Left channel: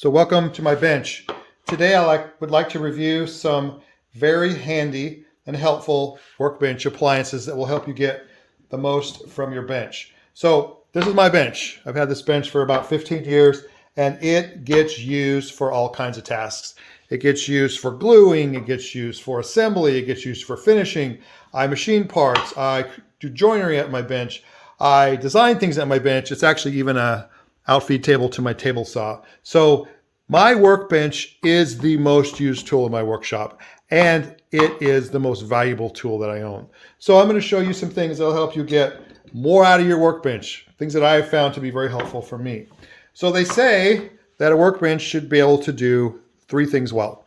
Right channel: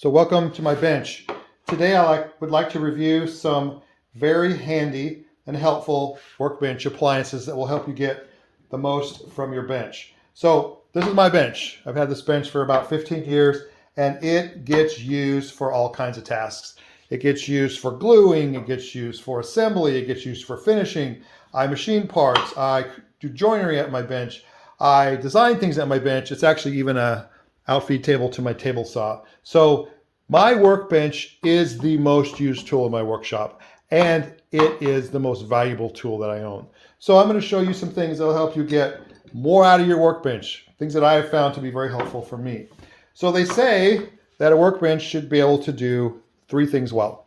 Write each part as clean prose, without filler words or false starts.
So welcome to my bench. Today would like to review some very handy and helpful workbench appliances that will help you get the most from your bench. So this is my bench. I've had this bench for about 15 years and it gets used for all kinds of tasks. It gets used for gluing, it gets used for assembly, it gets used for finishing. I machine parts, I do joinery at my bench, I design things at my bench. It's actually even a outfeed table to my table saw. So my workbench is the most used tool in my workshop, and it is the most valuable tool that I own. So I'm going to show you some things that will help you get more out of your workbench, things that I have found to be very helpful for me. So they say that a workbench should be able to do three things well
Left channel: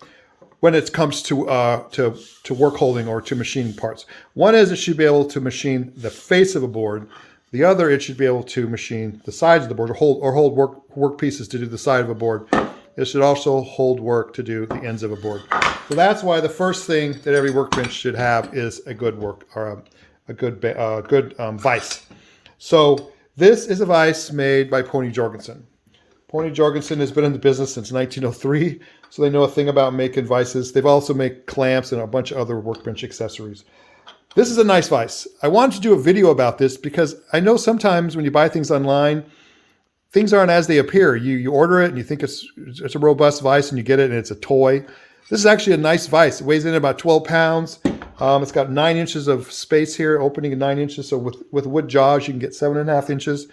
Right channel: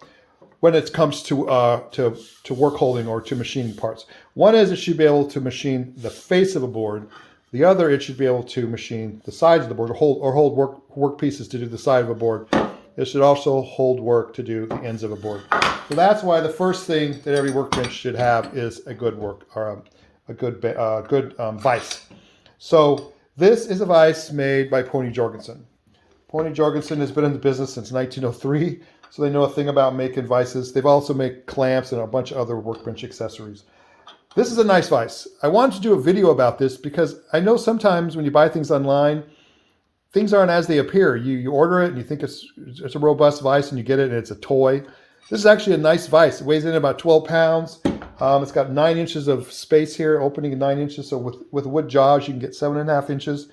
when it comes to work holding or to machining parts. One is it should be able to machine the face of a board. The other, it should be able to machine the sides of the board or hold work pieces to do the side of a board. It should also hold work to do the ends of a board. So that's why the first thing that every workbench should have is a good vise. So this is a vise made by Pony Jorgensen. Pony Jorgensen has been in the business since 1903, so they know a thing about making vices. They've also made clamps and a bunch of other workbench accessories. This is a nice vise. I wanted to do a video about this because I know sometimes when you buy things online, things aren't as they appear. You order it and you think it's a robust vise and you get it and it's a toy. This is actually a nice vise. It weighs in about 12 pounds. It's got 9 inches of space here, opening at 9 inches. So with wood jaws, you can get 7.5 inches.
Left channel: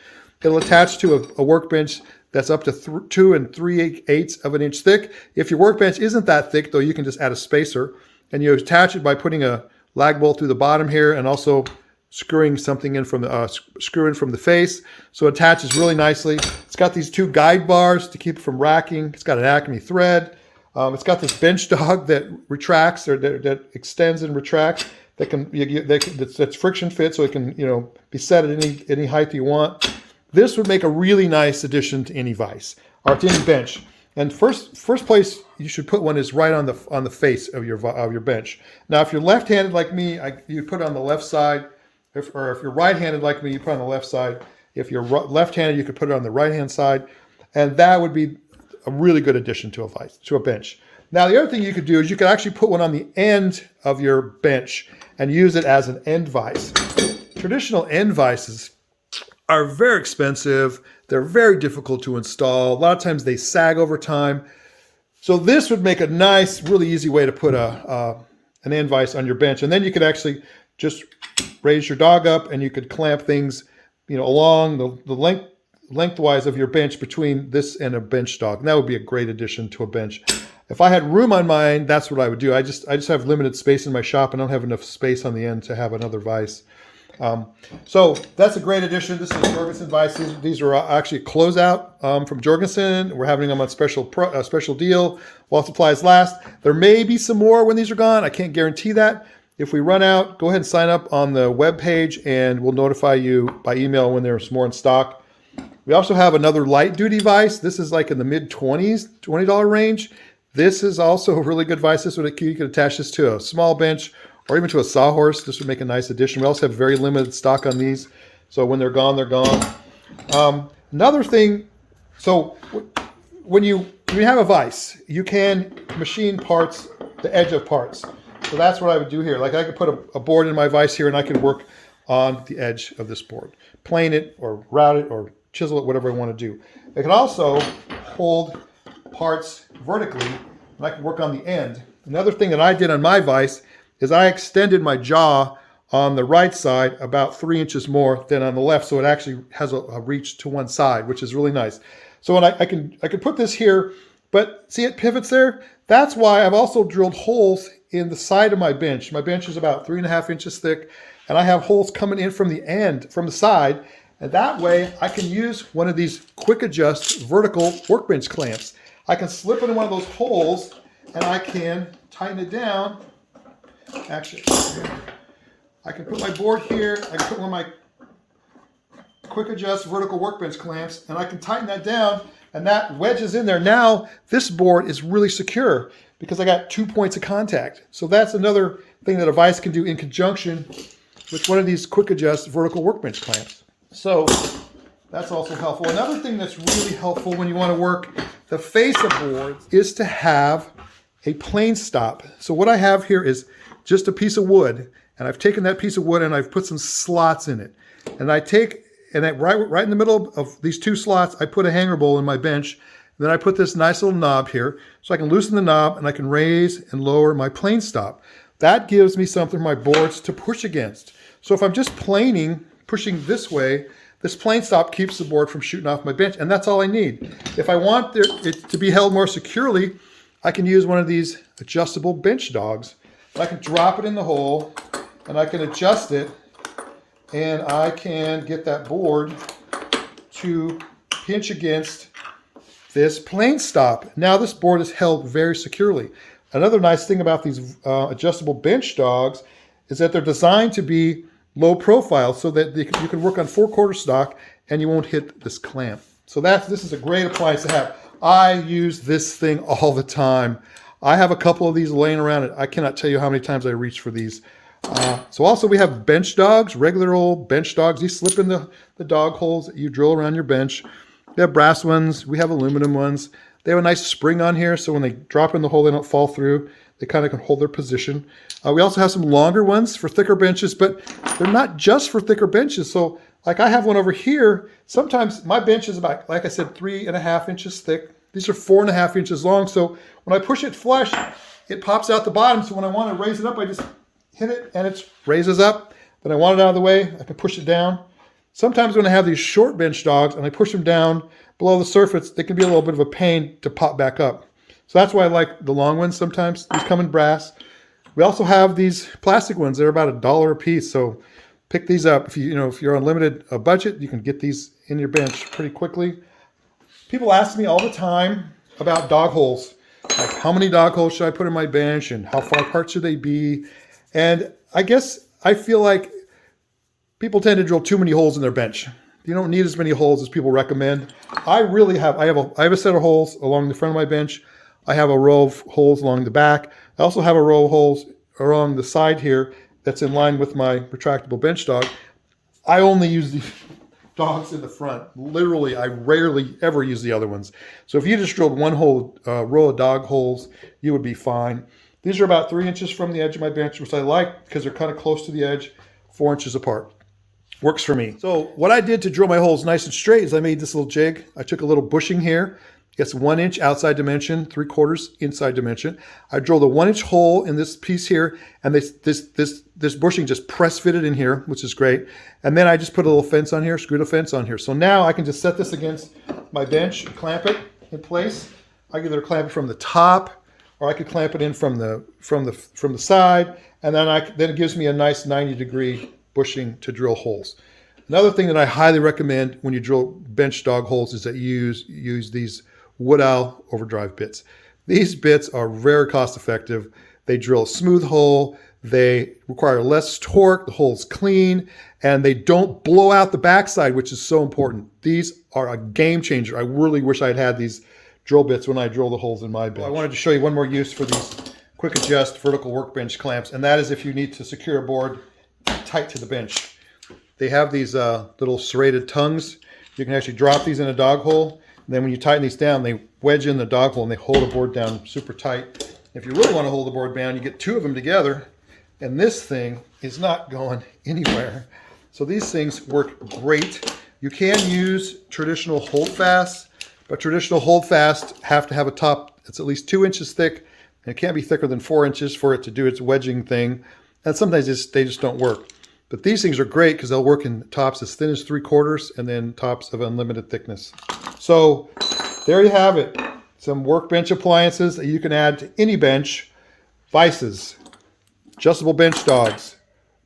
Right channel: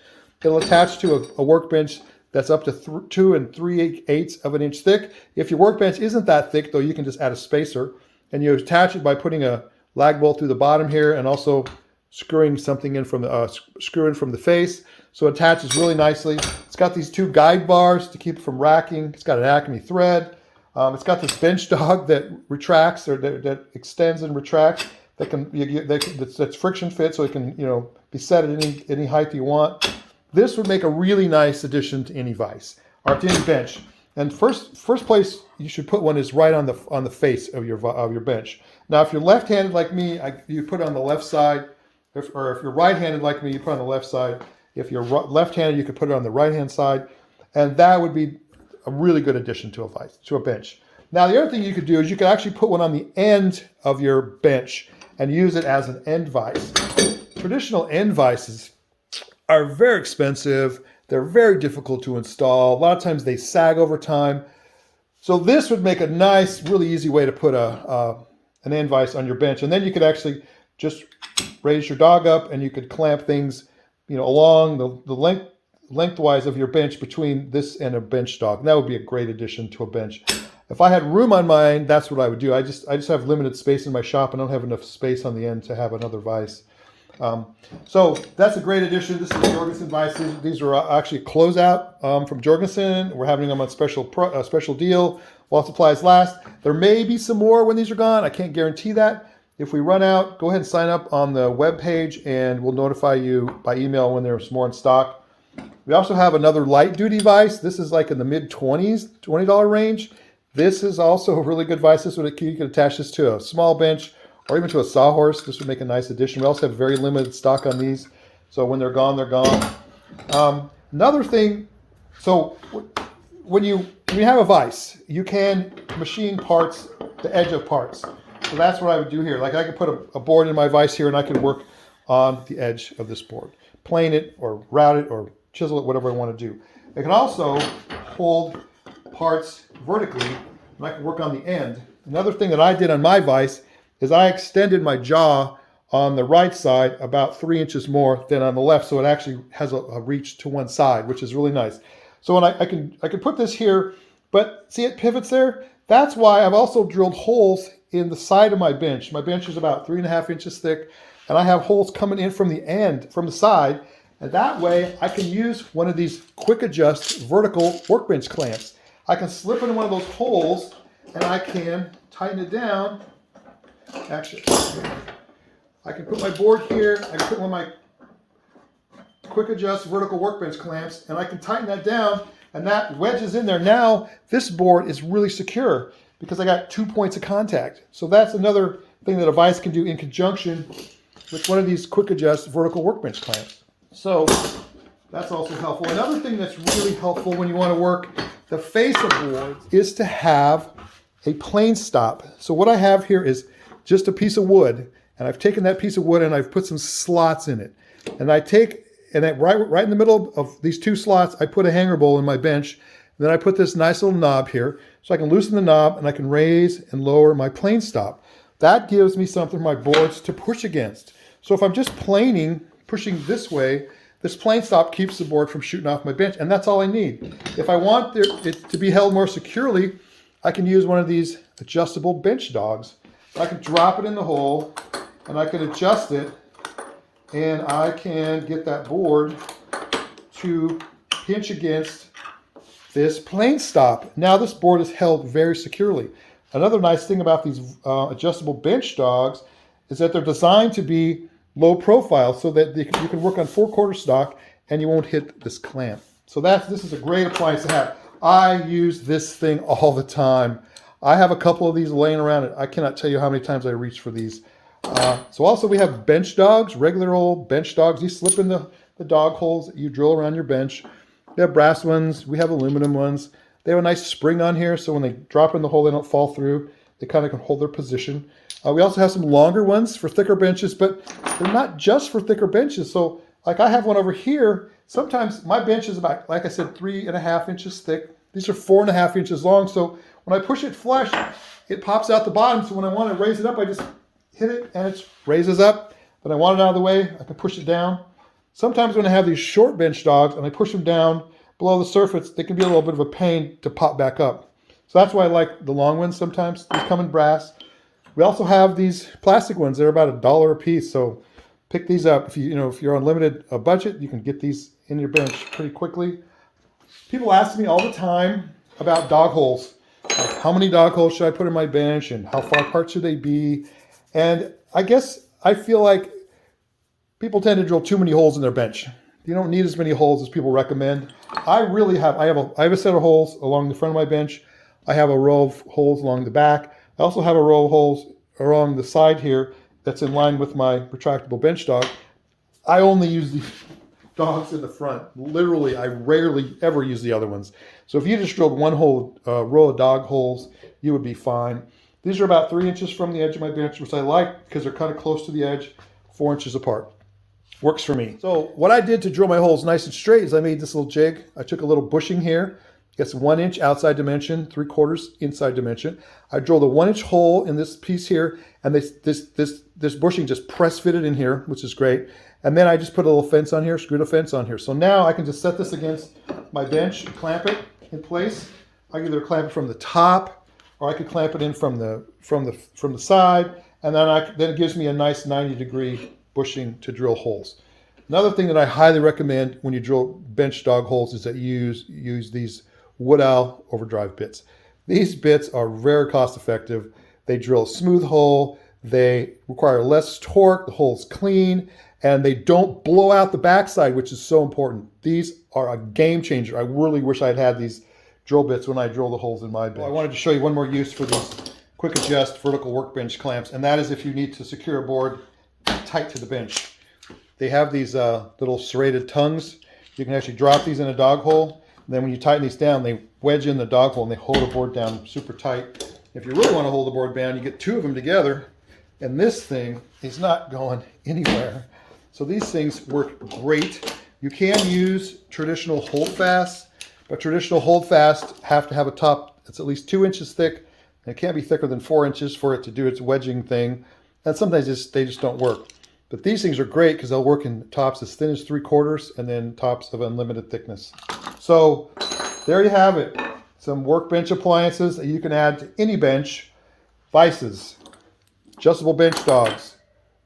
It'll attach to a workbench that's up to 2 3/8 of an inch thick. If your workbench isn't that thick, though, you can just add a spacer and you attach it by putting a lag bolt through the bottom here and also screwing something in from the face. So it attaches really nicely. It's got these 2 guide bars to keep it from racking. It's got an Acme thread. It's got this bench dog that retracts or that extends and retracts. That's friction fit, so it can be set at any height you want. This would make a really nice addition to any vise or to any bench. And first place you should put one is right on the face of your bench. Now, if you're left-handed like me, you put it on the left side. If you're right-handed like me, you put it on the left side. If you're left-handed, you could put it on the right-hand side, and that would be a really good addition to a bench. Now, the other thing you could do is you could actually put one on the end of your bench and use it as an end vise. Traditional end vises are very expensive. They're very difficult to install. A lot of times they sag over time. So this would make a nice, really easy way to put an end vise on your bench. And then you could actually just raise your dog up and you could clamp things, along the lengthwise of your bench between this and a bench dog. And that would be a great addition to a bench. If I had room on mine, that's what I would do. I just have limited space in my shop and don't have enough space on the end to have another vise. So that's a great addition. This is the Jorgensen vices. These are actually a closeout from Jorgensen. We're having them on special deal while supplies last. There may be some more when these are gone. I can't guarantee that. If we run out, go ahead and sign up on the web page and we'll notify you by email when there's more in stock. We also have another light duty vise. This is like in the mid-20s, $20 range. This is also a really good vise. You can attach this to a small bench or even to a sawhorse. This would make a nice addition. We also have very limited stock on these. So when they're gone, they're gone. Another thing, so when you have a vise, you can machine parts, the edge of parts. So that's what I would do here. Like I could put a board in my vise here and I could work on the edge of this board. Plane it or route it or chisel it, whatever I want to do. I can also hold parts vertically and I can work on the end. Another thing that I did on my vise is I extended my jaw on the right side about 3 inches more than on the left, so it actually has a reach to one side, which is really nice. So when I can put this here, but see it pivots there? That's why I've also drilled holes in the side of my bench. My bench is about 3.5 inches thick, and I have holes coming in from the side, and that way I can use one of these quick adjust vertical workbench clamps. I can slip into one of those holes, and I can tighten it down. Actually, I can put my board here, I can put one of my quick adjust vertical workbench clamps, and I can tighten that down, and that wedges in there. Now, this board is really secure because I got 2 points of contact. So that's another thing that a vise can do in conjunction with one of these quick adjust vertical workbench clamps. So that's also helpful. Another thing that's really helpful when you want to work the face of boards is to have a plane stop. So what I have here is just a piece of wood, and I've taken that piece of wood and I've put some slots in it. And I take, and right in the middle of these two slots, I put a hanger bowl in my bench. And then I put this nice little knob here, so I can loosen the knob and I can raise and lower my plane stop. That gives me something for my boards to push against. So if I'm just planing, pushing this way, this plane stop keeps the board from shooting off my bench, and that's all I need. If I want it to be held more securely, I can use one of these adjustable bench dogs. I can drop it in the hole, and I can adjust it, and I can get that board to pinch against this plane stop. Now this board is held very securely. Another nice thing about these adjustable bench dogs is that they're designed to be low profile so that you can work on 4/4 stock and you won't hit this clamp. So this is a great appliance to have. I use this thing all the time. I have a couple of these laying around, and I cannot tell you how many times I reach for these. So also we have bench dogs, regular old bench dogs. These slip in the dog holes that you drill around your bench. We have brass ones, we have aluminum ones. They have a nice spring on here, so when they drop in the hole, they don't fall through. They kind of can hold their position. We also have some longer ones for thicker benches, but they're not just for thicker benches. So like I have one over here. Sometimes my bench is about, like I said, 3.5 inches thick. These are 4.5 inches long. So when I push it flush, it pops out the bottom. So when I want to raise it up, I just hit it and it raises up. Then I want it out of the way, I can push it down. Sometimes when I have these short bench dogs and I push them down below the surface, they can be a little bit of a pain to pop back up. So that's why I like the long ones sometimes. These come in brass. We also have these plastic ones. They're about $1 a piece. So pick these up. If you're on limited budget, you can get these in your bench pretty quickly. People ask me all the time about dog holes. Like, how many dog holes should I put in my bench and how far apart should they be? And I guess I feel like people tend to drill too many holes in their bench. You don't need as many holes as people recommend. I have a set of holes along the front of my bench. I have a row of holes along the back. I also have a row of holes along the side here that's in line with my retractable bench dog. I only use these dogs in the front. Literally, I rarely ever use the other ones. So if you just drilled one whole row of dog holes, you would be fine. These are about 3 inches from the edge of my bench, which I like because they're kind of close to the edge, 4 inches apart. Works for me. So what I did to drill my holes nice and straight is I made this little jig. I took a little bushing here. It's 1 inch outside dimension, 3/4 inside dimension. I drilled a 1 inch hole in this piece here, and this bushing just press fitted in here, which is great. And then I just put a little fence on here, screwed a fence on here. So now I can just set this against my bench and clamp it in place. I can either clamp it from the top, or I could clamp it in from the side, and then it gives me a nice 90-degree bushing to drill holes. Another thing that I highly recommend when you drill bench dog holes is that you use these Wood Owl overdrive bits. These bits are very cost effective. They drill a smooth hole. They require less torque. The hole's clean, and they don't blow out the backside, which is so important. These are a game changer. I really wish I had had these drill bits when I drill the holes in my bench. I wanted to show you one more use for these quick adjust vertical workbench clamps, and that is if you need to secure a board tight to the bench. They have these little serrated tongues. You can actually drop these in a dog hole. And then when you tighten these down, they wedge in the dog hole and they hold the board down super tight. If you really want to hold the board down, you get two of them together, and this thing is not going anywhere. So these things work great. You can use traditional holdfast, but traditional holdfast have to have a top that's at least 2 inches thick, and it can't be thicker than 4 inches for it to do its wedging thing. And sometimes they just don't work. But these things are great because they'll work in tops as thin as 3/4 and then tops of unlimited thickness. So there you have it. Some workbench appliances that you can add to any bench. Vises, adjustable bench dogs,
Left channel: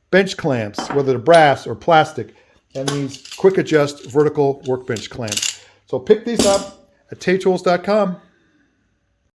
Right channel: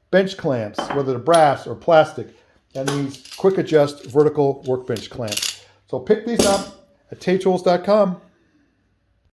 bench clamps, whether they're brass or plastic, and these quick adjust vertical workbench clamps. So pick these up at taytools.com.